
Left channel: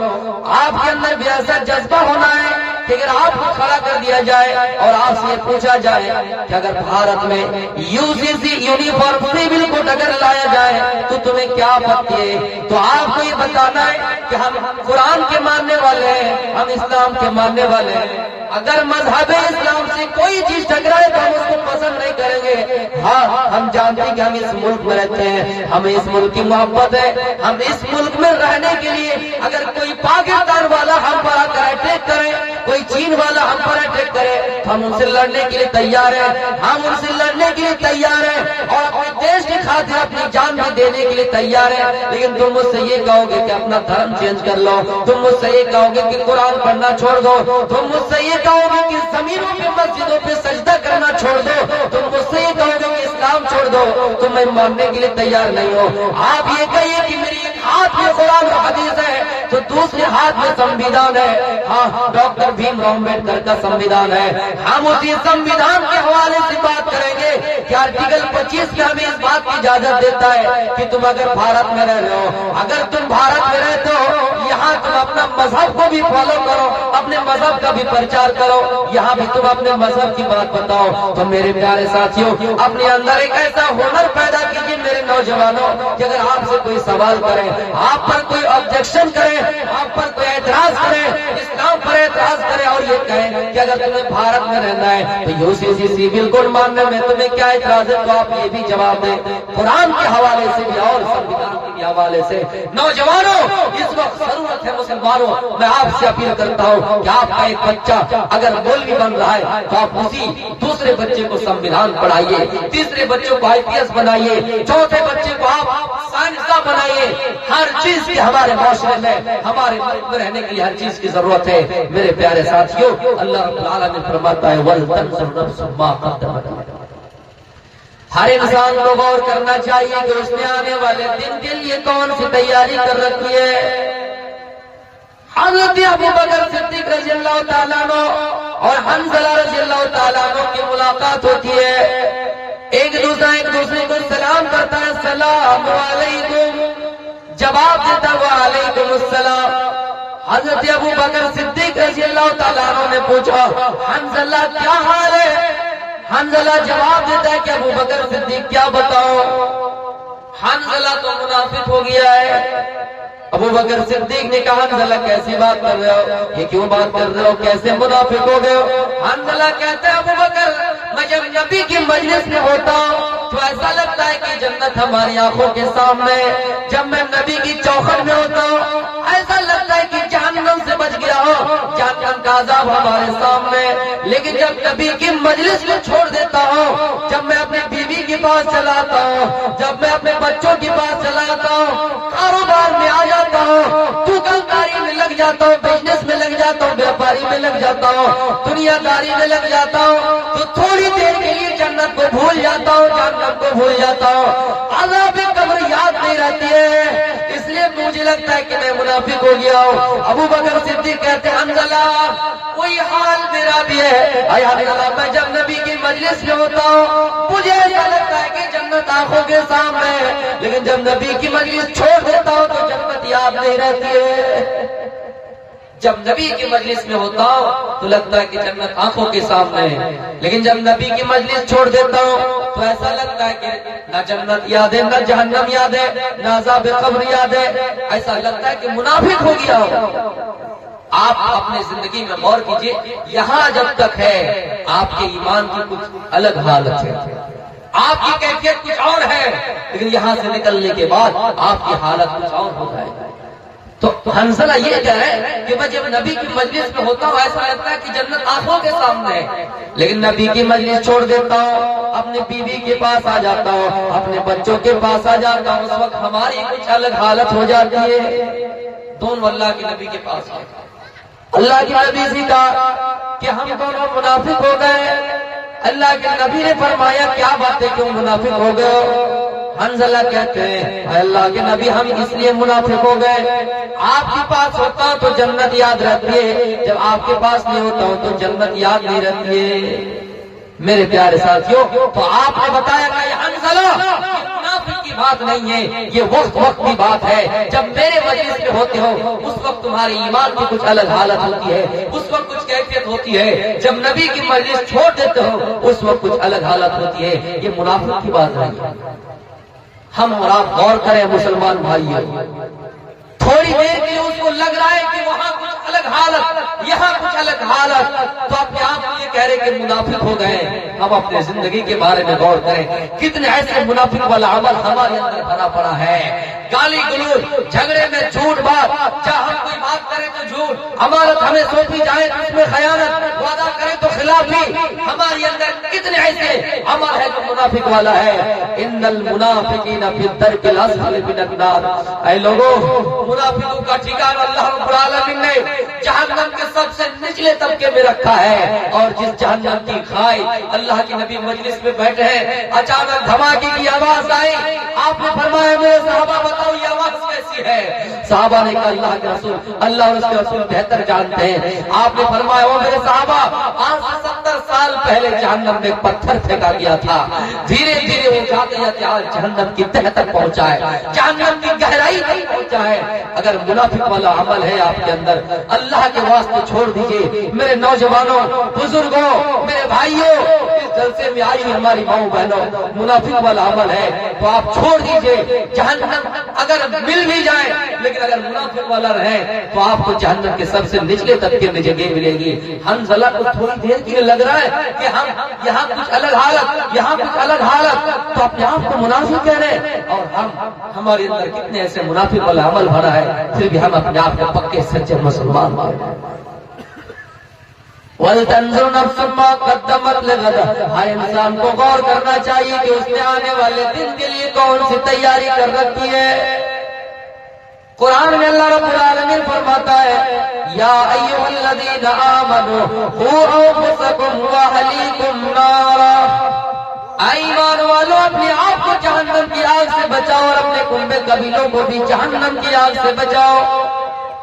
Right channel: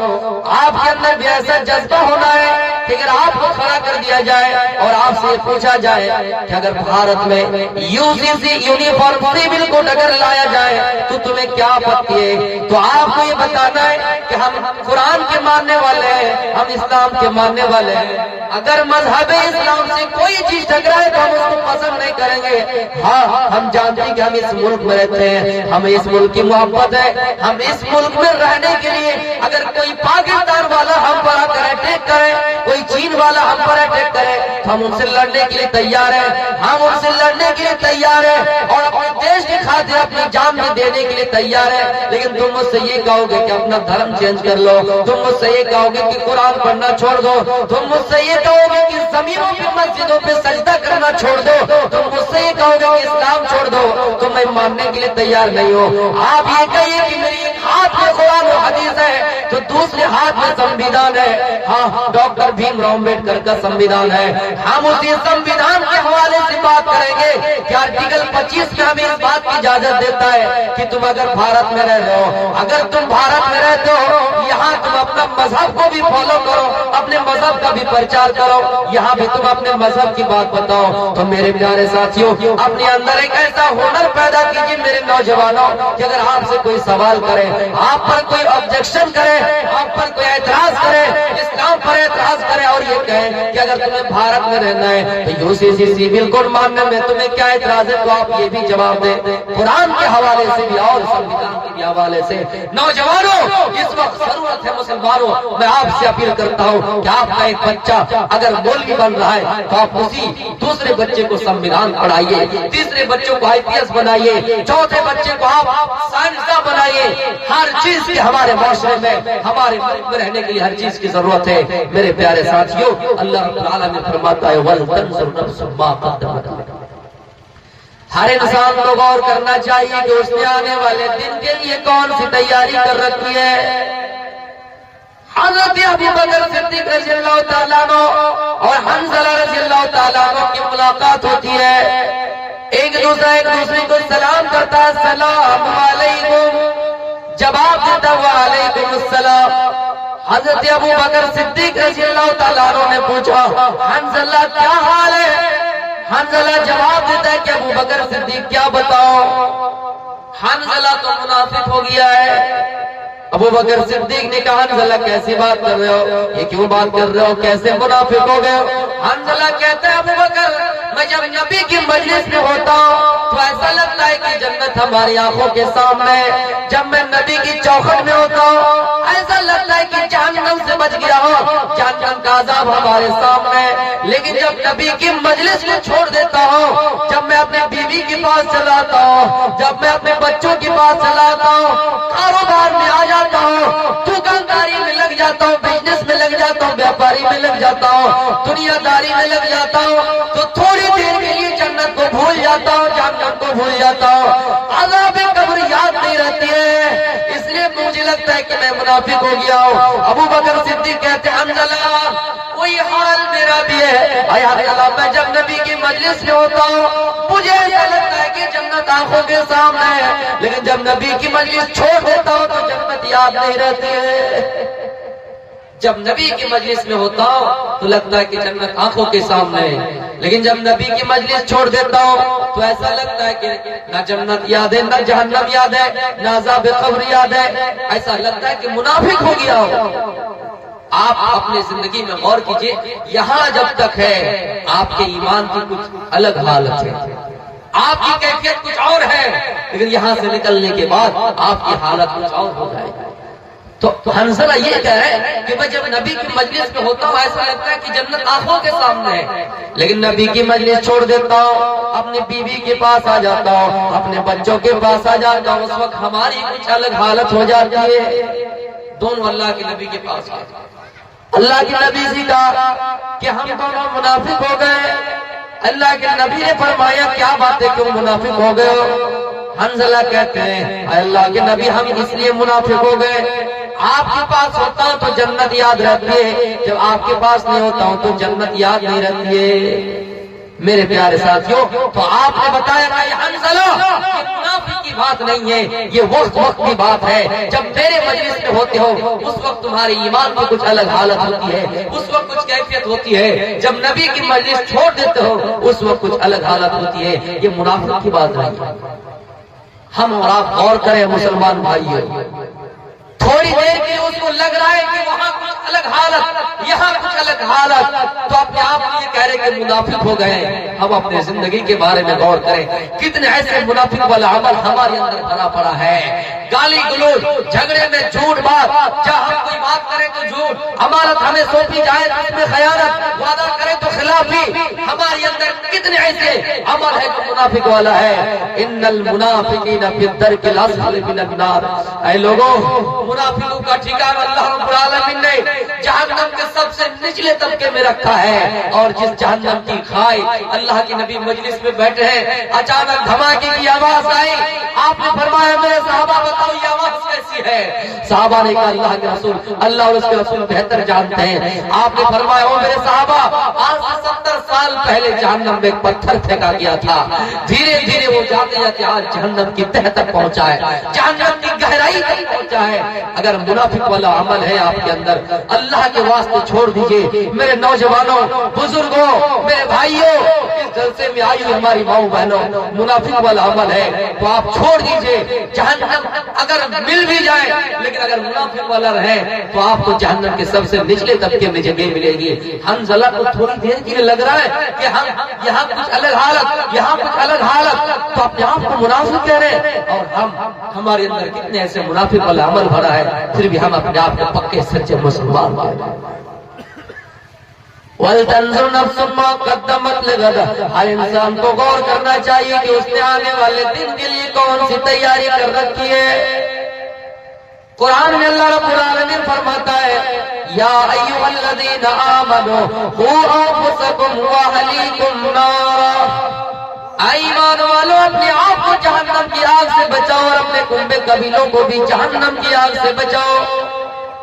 آپ کے اندر بھی ایسا جذبہ ہونا ہے کہ اگر آپ کو کھڑا کر دیا جائے اور آپ سے پوچھا جائے کہ اگر بھارت میں UGC یونیفارم سیول کوڈ اگر لایا جائے تو تمہیں کیا آپتی ہے, تو آپ کو یہ بتانا ہے کہ ہم قرآن کے ماننے والے ہیں, ہم اسلام کے ماننے والے ہیں. اگر مذہب اسلام سے کوئی چیز ٹکرائے تو ہم اس کو پسند نہیں کریں گے. ہاں ہم جانتے ہیں کہ ہم اس ملک میں رہتے ہیں, ہمیں اس ملک کی محبت ہے, ہم اس ملک میں رہنے کے لیے اگر کوئی پاکستان والا ہم پر آ کر اٹیک کرے, کوئی چین والا ہم پر اٹیک کرے تو ہم ان سے لڑنے کے لیے تیار ہیں, ہم ان سے لڑنے کے لیے تیار ہیں اور اپنے دیش کی خاطر اپنی جان بھی دینے کے لیے تیار ہیں. لیکن تم مجھ سے یہ کہو گے کہ اپنا دھرم چینج کر لو, تم مجھ سے یہ کہو گے کہ قرآن پڑھنا چھوڑ دو, تم مجھ سے یہ کہو گے کہ زمینوں پہ مسجدوں پہ سجدہ کرنا چھوڑ دو, تم مجھ سے یہ کہو گے کہ اسلام چھوڑ دو, تم میں ماننے کے لیے تیار نہیں ہو. آپ یہ کہیے کہ میری ایک ہاتھ میں قرآن و حدیث ہے تو دوسرے ہاتھ میں سمویدھان ہے. ہاں ڈاکٹر بھیم راؤ امبیڈکر کا سمویدھان ہے, ہم اسی سمویدھان کے حوالے سے بات کریں گے کہ آرٹیکل 25 میں ہمیں اس بات کی اجازت دیتا ہے کہ تم اگر بھارت میں رہ رہے ہو, اگر تم بھارت میں رہتے ہو یہاں تم اپنا مذہب کو بھی فالو کرو, اپنے مذہب کا بھی پرچار کرو, یہاں بھی تم اپنے مذہب کی بات بتاؤ. تو میرے پیارے ساتھیوں اپنے اندر ایک ایسا ہنر پیدا کیجیے میرے نوجوانوں کہ اگر آپ سے کوئی سوال کرے, آپ پر کوئی آبجیکشن کرے, آپ پر کوئی اعتراض کرے, اسلام پر اعتراض کرے اور یہ کہے کہ اگر تمہیں بھارت میں رہنا ہے تو UGC سیول کوڈ ماننے میں تمہیں کیا اعتراض ہے, تو آپ یہ بھی جواب دیں قرآن کے حوالے سے بھی اور سمویدھان کے بھی حوالے سے. نوجوانوں اس وقت ضرورت ہے مسلمانوں, میں آپ سے اپیل کرتا ہوں کہ آپ کا ایک بچہ اگر مولوی بن رہا ہے تو آپ اسی دوسرے بچے کو سمویدھان پڑھائیے, تیسرے بچوں کو IPS بنائیے, چوتھے بچے کو آپ سائنسداں بنائیے. ہر چیز کی ہمارے معاشرے میں ہمارے ملک میں رہنے کے لیے ہر چیز کی ضرورت ہے. میرے پیارے ساتھیوں اللہ رب العالمین فرماتا ہے وَلْتَنْظُرْ نَفْسٌ مَا قَدَّمَتْ لِغَدٍ. ہر انسان کو غور کرنا چاہیے کہ اس نے آنے والے دن کے لیے کون سی تیاری کر رکھی ہے. حضرت ابو بکر صدیق رضی اللہ تعالیٰ عنہ اور حنظلہ رضی اللہ تعالیٰ عنہ کی ملاقات ہوتی ہے, ایک دوسرے کو سلام کرتا ہے, السلام علیکم, جواب دیتا وعلیکم السلام. حضرت ابو بکر صدیق رضی اللہ تعالیٰ عنہ نے پوچھا حنظلہ کیا حال ہے. حنظلہ جواب دیتا ہے کہ ابو بکر صدیق کیا بتاؤ. حنظلہ تو منافق ہو گیا ہے. ابو بکر صدیق نے کہا حنظلہ کیسی بات کر رہے ہو, یہ کیوں بات کر رہے ہو, کیسے منافق ہو گئے ہو. حنظلہ کہتا ہے ابو بکر میں جب نبی کی مجلس میں ہوتا ہوں تو ایسا لگتا ہے کہ جنت ہماری آنکھوں کے سامنے, جب میں نبی کی چوکھٹ میں ہوتا ہوں ایسا لگتا ہے کہ جہنم سے بچ گیا ہو, جہنم کا عذاب ہمارے سامنے. لیکن جب نبی کی مجلس میں چھوڑ دیتا ہوں, جب میں اپنے بیوی کے پاس چلاتا ہوں, جب میں اپنے بچوں کے پاس چلاتا ہوں, کاروبار میں آ جاتا ہوں, دکانداری میں لگ جاتا ہوں, بزنس میں لگ جاتا ہوں, بیپاری میں لگ جاتا ہوں, دنیا داری میں لگ جاتا ہوں, تو تھوڑی دیر کے لیے جنت کو بھول جاتا ہوں, جہنم کو بھول جاتا ہوں, عذاب قبر یاد نہیں رہتی ہے. اس لیے مجھے لگتا ہے کہ میں منافق ہو گیا ہوں. ابو بکر صدیق کہتے ہیں حنظلہ کوئی حال میرا بھی ہے. اے حنظلہ میں جب نبی کی مجلس میں ہوتا ہوں مجھے ایسا لگتا ہے کہ جنت آنکھوں کے سامنے ہے, لیکن جب نبی کی مجلس چھوڑ دیتا ہوں تو جنت یاد نہیں رہتی ہے. جب نبی کی مجلس میں ہوتا ہوں تو لگتا ہے کہ جنت آنکھوں کے سامنے ہے, لیکن جب نبی کی مجلس چھوڑ دیتا ہوں تو ایسا لگتا ہے کہ نہ جنت یاد ہے, نہ جہنم یاد ہے, نہ عذاب قبر یاد ہے. ایسا لگتا ہے کہ منافق ہو گیا ہو. آپ اپنی زندگی میں غور کیجئے, یہاں جب تک ہے آپ کے ایمان کی کچھ الگ حالت ہے, آپ کی کیفیت کچھ اور ہے, لیکن یہاں سے نکلنے کے بعد آپ کی حالت کچھ اور ہو جائے. تو حنظلہ یہ کہہ رہا ہے کہ میں جب نبی کی مجلس میں ہوتا ہوں ایسا لگتا ہے کہ جنت آنکھوں کے سامنے ہے, لیکن نبی کی مجلس چھوڑ دیتا ہوں, اپنی بیوی کے پاس آ جاتا ہوں, اپنے بچوں کے پاس آ جاتا ہوں, اس وقت ہماری کچھ الگ حالت ہو جاتی ہے. دونوں اللہ کے نبی کے پاس آ جاتا, اللہ کے نبی سے کہا کہ ہم دونوں منافق ہو گئے. اللہ کے نبی نے فرمایا کیا بات ہے, کیوں منافق ہو گئے ہو. حنظلہ کہتے ہیں اے اللہ کے نبی ہم اس لیے منافق ہو گئے, آپ کے پاس ہوتا ہوں تو جنت یاد رہتی ہے, جب آپ کے پاس نہیں ہوتا ہوں تو جنت یاد نہیں رہتی ہے. میرے پیارے ساتھیوں، تو آپ نے بتایا کہ حنظلہ منافق کی بات نہیں ہے، یہ وقت کی بات ہے جب میرے مجلس میں ہوتے ہو اس وقت تمہارے ایمان کی کچھ الگ حالت ہوتی ہے، اس وقت کچھ کیفیت ہوتی ہے، جب نبی کی مجلس چھوڑ دیتے ہو اس وقت کچھ الگ حالت ہوتی ہے، یہ منافق کی بات نہیں ہے۔ ہم اور آپ غور کریں مسلمان بھائیوں، تھوڑی دیر کے اس کو لگ رہا ہے کہ وہاں کچھ الگ حالت، یہاں کچھ الگ حالت، تو اپنے آپ یہ کہہ رہے کہ منافق ہو گئے۔ ہم اپنے زندگی کے بارے میں غور کریں، کتنے ایسے منافق والا عمل ہمارے اندر بھرا پڑا ہے، گالی گلوچ، جھگڑے میں جھوٹ بات، چاہے ہم کوئی بات کریں تو جھوٹ، امانت ہمیں سونپی جائے تو اس میں خیانت، وعدہ کریں تو خلافی، ہمارے اندر کتنے ایسے عمل ہے جو منافق والا ہے۔ ان المنافقین فی الدرک الاسفل من النار، اے لوگوں، منافقوں کا ٹھکانہ اللہ رب العالمین نے جہنم کے سب سے نچلے طبقے میں رکھا ہے، اور جس جہنم کی کھائی، اللہ کے نبی مجلس میں بیٹھے ہیں، اچانک دھماکے کی آواز آئی، آپ نے فرمایا میرے صحابہ بتاؤ یہ آواز کیسی ہے؟ صحابہ نے کہا اللہ کے رسول، اللہ اور اس کے رسول بہتر جانتے ہیں۔ آپ نے فرمایا او میرے صحابہ، آج سے 70 سال پہلے جہنم میں پتھر پھینکا گیا تھا، دھیرے دھیرے وہ جاتے جاتے آج جہنم کی تہ تک پہنچا ہے، جہنم کی گہرائی تک پہنچا ہے۔ اگر منافق والا عمل ہے آپ کے اندر، اللہ کے واسطے چھوڑ دیجئے۔ میرے نوجوانوں، بزرگوں، میرے بھائیوں، اس جلسے میں آئی ہوئی ہماری ماؤں بہنوں، منافق والا عمل ہے تو آپ چھوڑ دیجئے۔ جہنم اگر مل بھی جائے لیکن اگر منافق والا رہے تو آپ کو جہنم کے سب سے نچلے طبقے میں جگہ ملے گی۔ حنظلہ کو تھوڑی دیر کے لیے لگ رہا ہے کہ ہم یہاں کچھ الگ حالت، یہاں کچھ الگ حالت، تو اپنے آپ کو منافق کہہ رہے ہیں، اور ہمارے اندر کتنے ایسے منافق والا عمل بھرا ہے، پھر بھی ہم اپنے آپ کو پکے سچے مسلمان کہتے ہیں۔ وَلْتَنْظُرْ نَفْسٌ مَا قَدَّمَتْ لِغَدٍ، ہر انسان کو غور کرنا چاہیے کہ اس نے آنے والے دن کے لیے کون سی تیاری کر رکھی ہے۔ قرآن میں اللہ رب العالمین فرماتا ہے یا ایھا الذین آمنوا قوا انفسکم واہلیکم نارا، ایمان والو اپنے آپ کو جہنم کی آگ سے بچاؤ اور اپنے کنبے قبیلوں کو بھی جہنم کی آگ سے بچاؤ۔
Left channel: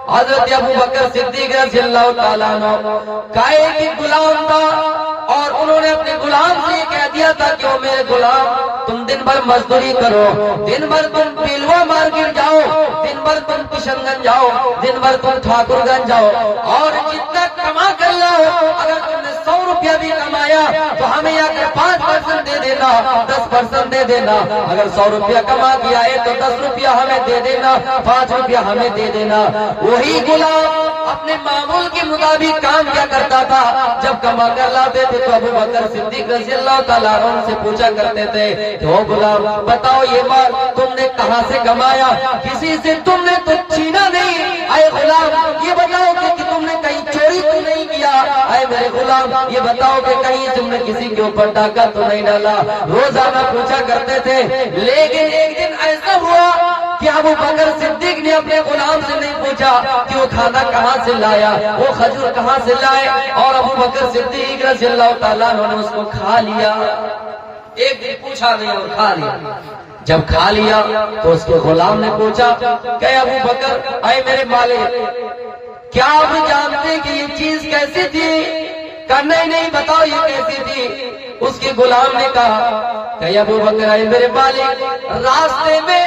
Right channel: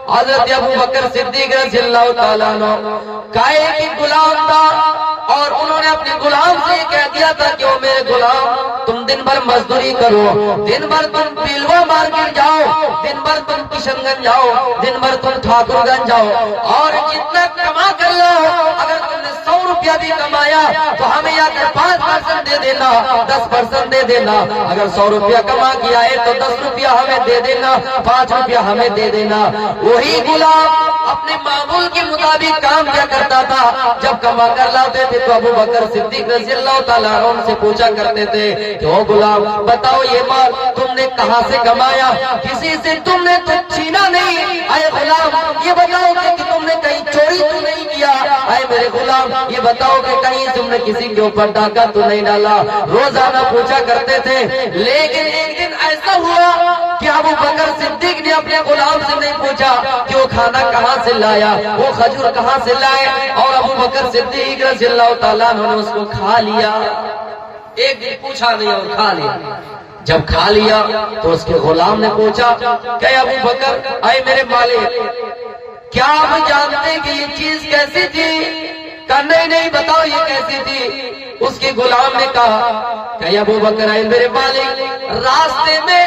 حضرت ابو بکر صدیق رضی اللہ تعالیٰ عنہ کا ایک غلام تھا، اور انہوں نے اپنے غلام سے یہ کہہ دیا تھا کہ وہ میرے غلام تم دن بھر مزدوری کرو، دن بھر تم پیلوا مارکیٹ جاؤ، دن بھر تم کشن گنج جاؤ، دن بھر تم ٹھاکر گنج جاؤ، اور جتنے کما کر لے اگر تم نے 100 روپیہ بھی کمایا تو ہمیں یا کہ 5% دے دینا، 10% دے دینا، اگر 100 روپیہ کما کیا ہے تو 10 روپیہ ہمیں دے دینا، 5 روپیہ ہمیں دے دینا۔ وہی غلام اپنے معمول کے مطابق کام کیا کرتا تھا، جب کما کر لاتے تھے تو ابو بکر صدیق رضی اللہ تعالیٰ عنہ سے پوچھا کرتے تھے کہ او غلام بتاؤ یہ مال تم نے کہاں سے کمایا، کسی سے تم نے تو چھینا نہیں، اے غلام یہ بتاؤ کہ تم نے کہیں چوری تو نہیں کیا، اے میرے غلام یہ بتاؤ کہ کہیں تم نے کسی کے اوپر ڈاکہ تو نہیں ڈالا۔ روزانہ پوچھا کرتے تھے، لیکن ایک دن ایسا ہوا کہ ابو بکر صدیق نے اپنے غلام سے نہیں پوچھا کہ وہ کھانا کہاں سے لایا، وہ کھجور کہاں سے لائے، اور ابو بکر صدیق رضی اللہ تعالیٰ عنہ نے اس کو کھا لیا۔ ایک دن پوچھا نہیں اور کھا لیا۔ جب کھا لیا تو اس کے غلام نے پوچھا کہ ابو بکر اے میرے مالک کیا آپ جانتے کہ یہ چیز کیسی تھی؟ کہا نہیں بتاؤ یہ کیسی تھی۔ اس کے غلام نے کہا کہ ابو بکر اے میرے مالک راستے میں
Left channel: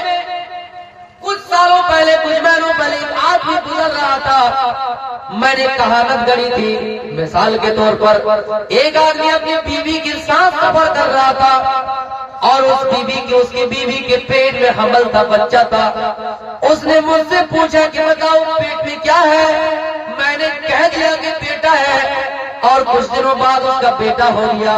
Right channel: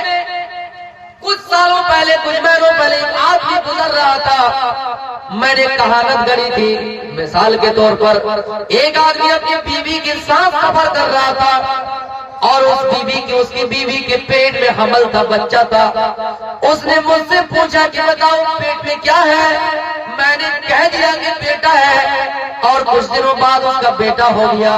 کچھ سالوں پہلے، کچھ مہینوں پہلے ایک آدمی گزر رہا تھا، میں نے کہانت گڑی تھی، مثال کے طور پر ایک آدمی اپنی بیوی کے ساتھ سفر کر رہا تھا، اور اس کی بیوی کے پیٹ میں حمل تھا، بچہ تھا۔ اس نے مجھ سے پوچھا کہ بتاؤ پیٹ میں کیا ہے، میں نے کہہ دیا کہ بیٹا ہے، اور کچھ دنوں بعد اس کا بیٹا ہو گیا۔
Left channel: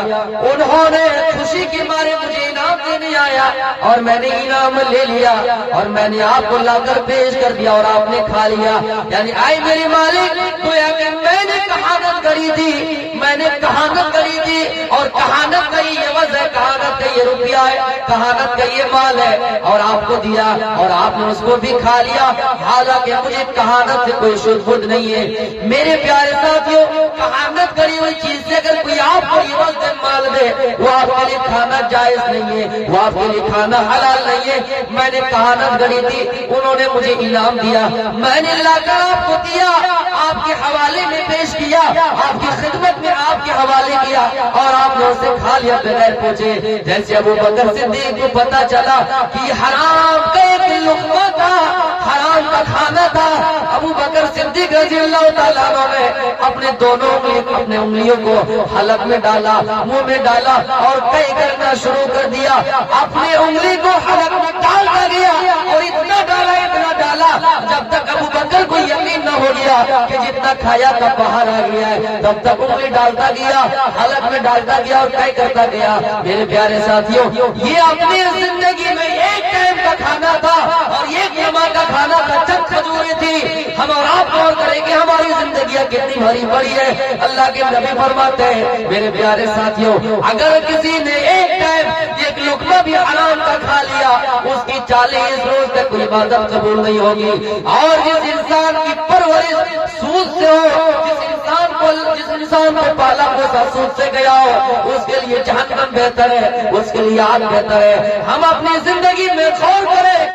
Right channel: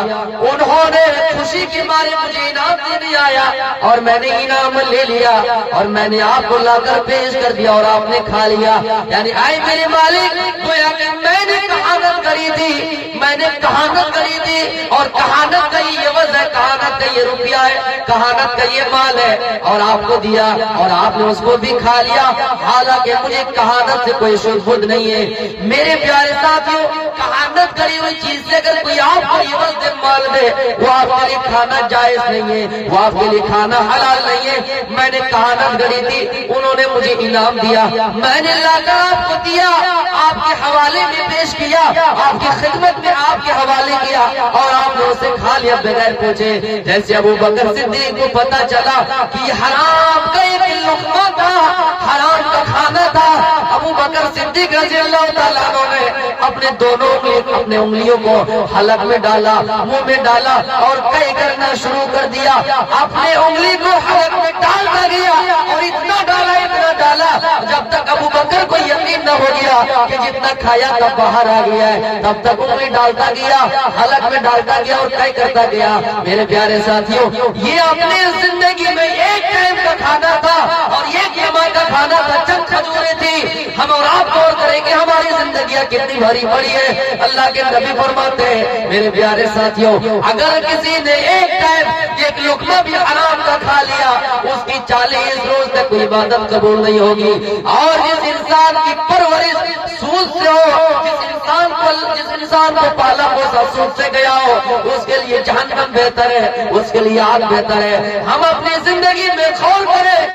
انہوں نے خوشی کی مارے مجھے انعام دینے آیا، اور میں نے انعام لے لیا اور میں نے آپ کو لا کر پیش کر دیا اور آپ نے کھا لیا۔ یعنی آئے میرے مالک گویا کہ میں نے کہانت کری تھی، میں نے کہانت کری تھی، اور کہانت کا یہ عوض ہے، کہانت کا یہ روپیہ ہے، کہانت کا یہ مال ہے، اور آپ کو دیا اور آپ نے اس کو بھی کھا لیا، حالانکہ مجھے کہانت سے کوئی شبہہ نہیں ہے۔ میرے پیارے ساتھیوں، کہانت برکت کری ہوئی چیز سے اگر کوئی آپ کو عوض دے مال دے، وہ آپ کے لیے کھانا جائز نہیں ہے، وہ آپ کے لیے کھانا حلال نہیں ہے۔ میں نے کہانت گڑی تھی، انہوں نے مجھے انعام دیا، میں نے لا کر آپ کو دیا، آپ کے حوالے میں پیش کیا، آپ کی خدمت میں آپ کے حوالے کیا، اور آپ نے اسے کھا لیا بغیر پوچھے۔ جیسے ابو بکر صدیق کو پتا چلا کہ یہ حرام کا ایک لقمہ تھا، حرام کا کھانا تھا، ابو بکر صدیق رضی اللہ تعالیٰ عنہ نے اپنے دونوں اپنے انگلیوں کو حلق میں ڈالا، منہ میں ڈالا اور کئی کرنا شروع کر دیا۔ اپنے انگلی کو حلق میں ڈالتا گیا اور اتنا ڈالا جب تک ابو بکر کو یقین نہ ہو گیا کہ جتنا کھایا تھا باہر آ گیا ہے، تب تک انگلی ڈالتا گیا، حلق میں ڈالتا گیا اور کئی کرتا گیا۔ میرے پیارے ساتھیوں، یہ اپنی زندگی میں ایک ٹائم کا کھانا تھا اور ایک لمحہ کا کھانا تھا، چند کھجوریں تھی۔ ہم اور آپ غور کریں کہ ہماری زندگیاں کتنی بھری پڑی ہے۔ اللہ کے نبی فرماتے ہیں میرے پیارے ساتھیوں، اگر کسی نے ایک ٹائم ایک لقمہ بھی حرام کا کھا لیا، اس کی 40 روز تک کوئی عبادت قبول نہیں ہوگی۔ اور جس انسان کی پرورش سود سے ہو، جس انسان کو پالا پوسا سود سے گیا ہو، اس کے لیے جہنم بہتر ہے، اس کے لیے آگ بہتر ہے۔ ہم اپنی زندگی میں غور کریں۔